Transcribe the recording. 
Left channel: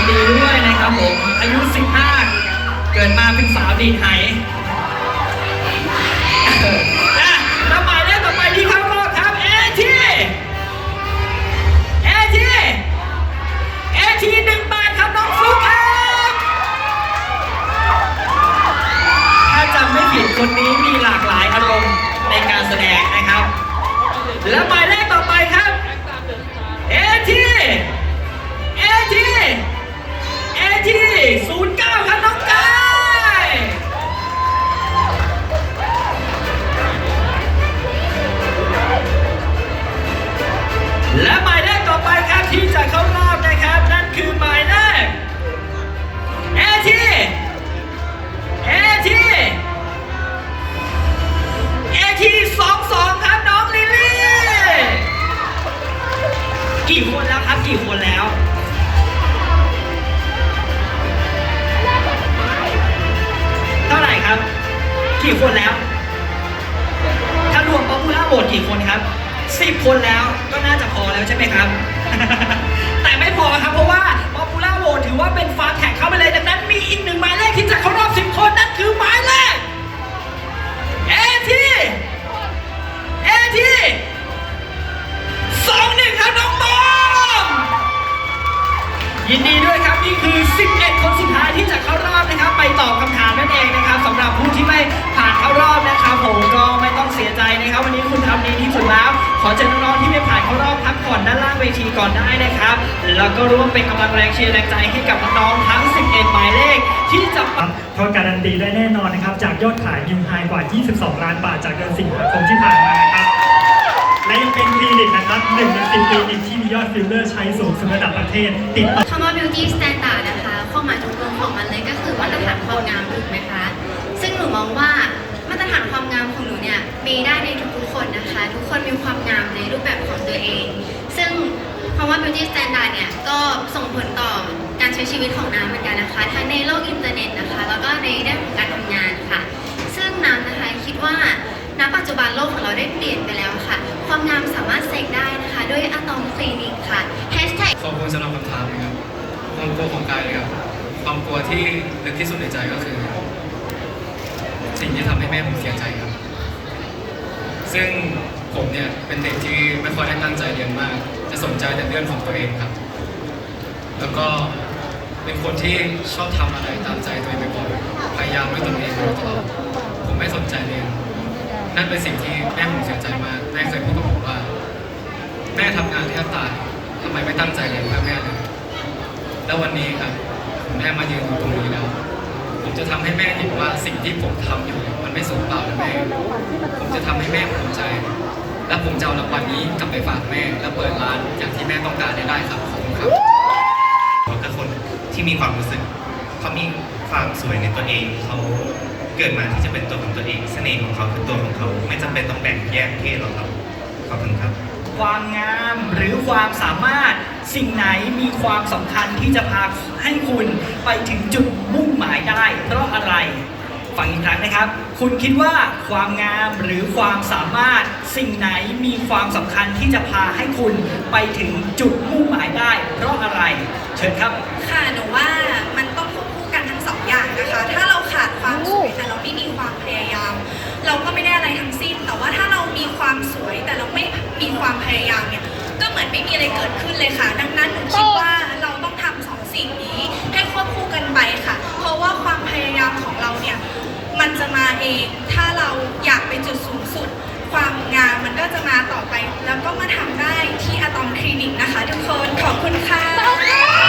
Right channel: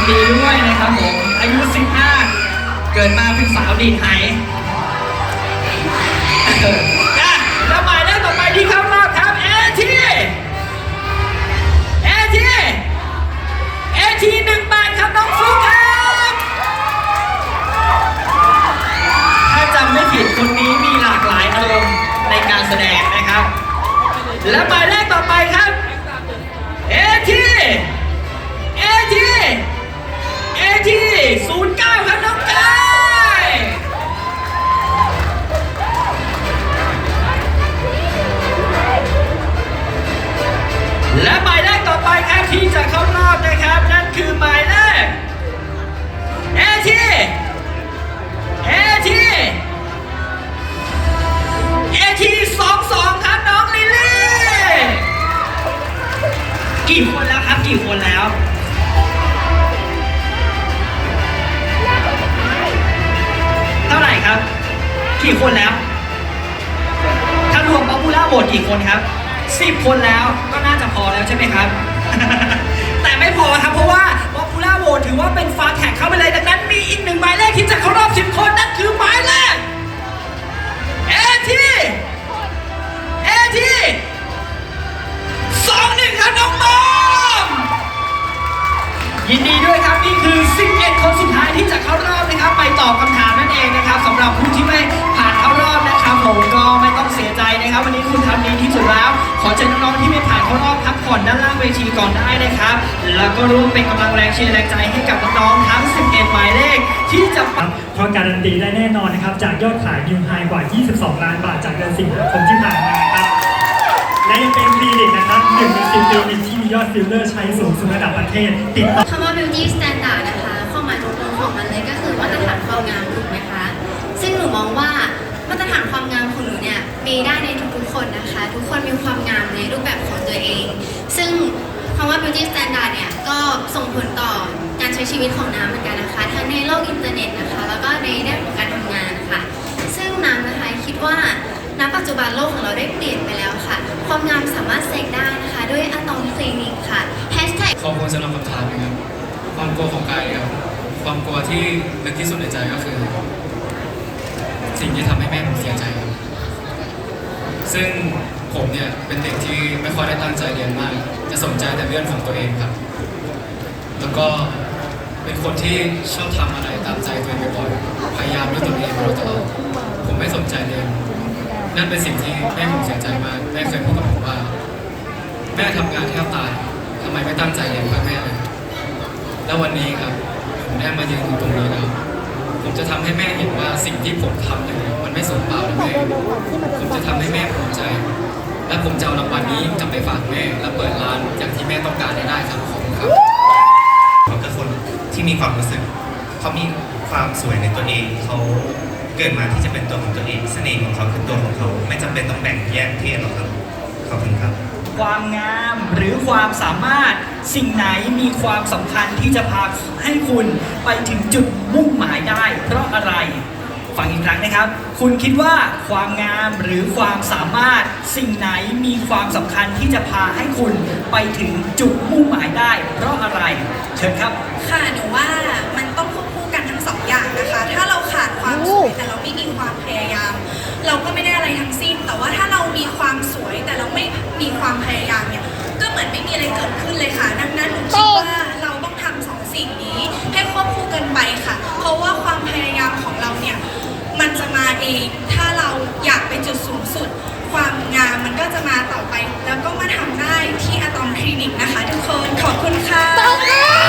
นดีด้วยนะครับผม อายุ 15 เกิดมาเป็นสาวดีไทยเอออะแล้วต่อไปที่เข้ารอบครับเอทีเอทีเอทีหนึ่งแปดครับน้องฟุ๊กครับถ้าจำไม่ผิดคนนี้มีหลากหลายอารมณ์ในการแสดงนะครับ และหมายเลขต่อไปครับ กี่คนแล้วเท่าไหร่ครับ กี่คนแล้ว ถ้ารวมป๊อปปูล่าโหวตกี่คนครับสิบคนแล้วก็น่าจะพอแล้วใช่ไหมครับ แต่ไม่พอครับเพราะว่า ตอบคำถามนั่นเองนะครับสำหรับผู้ที่ไม่ผ่านเข้ารอบนะครับผมก็ไม่ต้องเสียใจนะครับวันนี้คุณทำดีที่สุดแล้ว ขอเชิญน้องๆที่ไม่ผ่านเข้ารอบพักผ่อนด้านล่างเวทีก่อนได้นะครับ แล้วก็ร่วมเป็นกำลังแรงเชียร์แรงใจให้กับน้องๆทั้ง 11 หมายเลข ที่จะครับเพราะการันตีได้แน่นอนนะครับจากยอดขายนิวไฮกว่า 22 ล้านบาทจากเดือนสิงหาคมที่ผ่านมาครับและยังเป็นคลินิกนะครับหนึ่งในสิบคลินิกที่มียอดฟิลเลอร์ใช้สูงสุดระดับประเทศติดต่อคำว่า beauty standard นะคะ องว่ามาตรฐานความงามของหนูเนี่ยมีได้ในทุกๆคนนะคะ ทุกคนมีความงามในรูปแบบของตัวเอง ซึ่งคำว่า beauty standard เนี่ยก็ส่งผลต่อการใช้ชีวิตของน้ำเหมือนกันนะคะ ทั้งในโลกอินเทอร์เน็ตนะคะ แล้วก็ในด้านของการทำงานค่ะ ซึ่งน้ำนะคะคิดว่าณปัจจุบันโลกของเราได้เปลี่ยนไปแล้วค่ะ ความงามสามารถเสกได้นะคะด้วยอะตอมคลินิกค่ะ Hashtag ขอบคุณสำหรับคำถามนะครับความกลัวของกายนะครับความกลัวที่ลึกที่สุดในใจก็คือ สิ่งที่ทำให้แม่ผมเสียใจครับ ซึ่งผมเนี่ยเป็นเด็กที่ไม่ค่อยได้ตั้งใจเรียนมาก จะสนใจแต่เรื่องของตัวเองครับ แล้วก็เป็นคนที่ชอบทำอะไรตามใจตัวเองบ่อยๆ พยายามด้วยตนเองมาตลอดผมไม่สนใจเลย นั่นเป็นสิ่งที่แม่ผมเสียใจมาก แม่เคยพูดกับผมว่า แม่ทำงานแทบตายทำไมไม่ตั้งใจเรียนเพื่อแม่เลย แล้ววันนี้ครับผมได้มายืนอยู่ตรงนี้แล้ว ผมจะทำให้แม่เห็นว่าสิ่งที่ผมทำอยู่มันไม่สูญเปล่าแม่ผมจะทำให้แม่ภูมิใจ และผมจะเอารางวัลนี้กลับไปฝากแม่ และเปิดร้านอย่างที่แม่ต้องการได้ครับขอบคุณครับเขาคือคนที่มีความรู้สึกเขามีความสวยในตัวเองเขาเกิดมาที่จะเป็นตัวของตัวเองเสน่ห์ของเขาคือตัวของเขา ไม่จำเป็นต้องแบ่งแยกเพศหรอกครับขอบคุณครับ ความงามหรือความสามารถสิ่งไหนมีความสำคัญที่จะพาให้คุณไปถึงจุดมุ่งหมายได้ เพราะอะไรฟังอีกครั้งนะครับ คุณคิดว่าความงามหรือความสามารถสิ่งไหนมีความสำคัญที่จะพาให้คุณไปถึงจุดมุ่งหมายได้ เพราะอะไร เชิญครับ ค่ะหนูว่ามันต้องควบคู่กันทั้งสองอย่างนะคะ ถ้าเราขาดความสวยแต่เราไม่มีความพยายาม เราก็ไม่ได้อะไรทั้ง มีความพยายามเนี่ยก็เหมือนไม่มีอะไรเกิดขึ้นเลยค่ะ ดังนั้นหนูคิดว่าเราต้องทำสองสิ่งนี้ ให้ควบคู่กันไปค่ะ เพราะว่าความพยายามของเราเนี่ยมันจะมาเอง ถ้าเราอยากเป็นจุดสูงสุด ความงามมันก็จะมาต่อไป แล้วก็มาทำได้ที่อะตอมคลินิกนะคะ ทุกคนขอบคุณค่ะ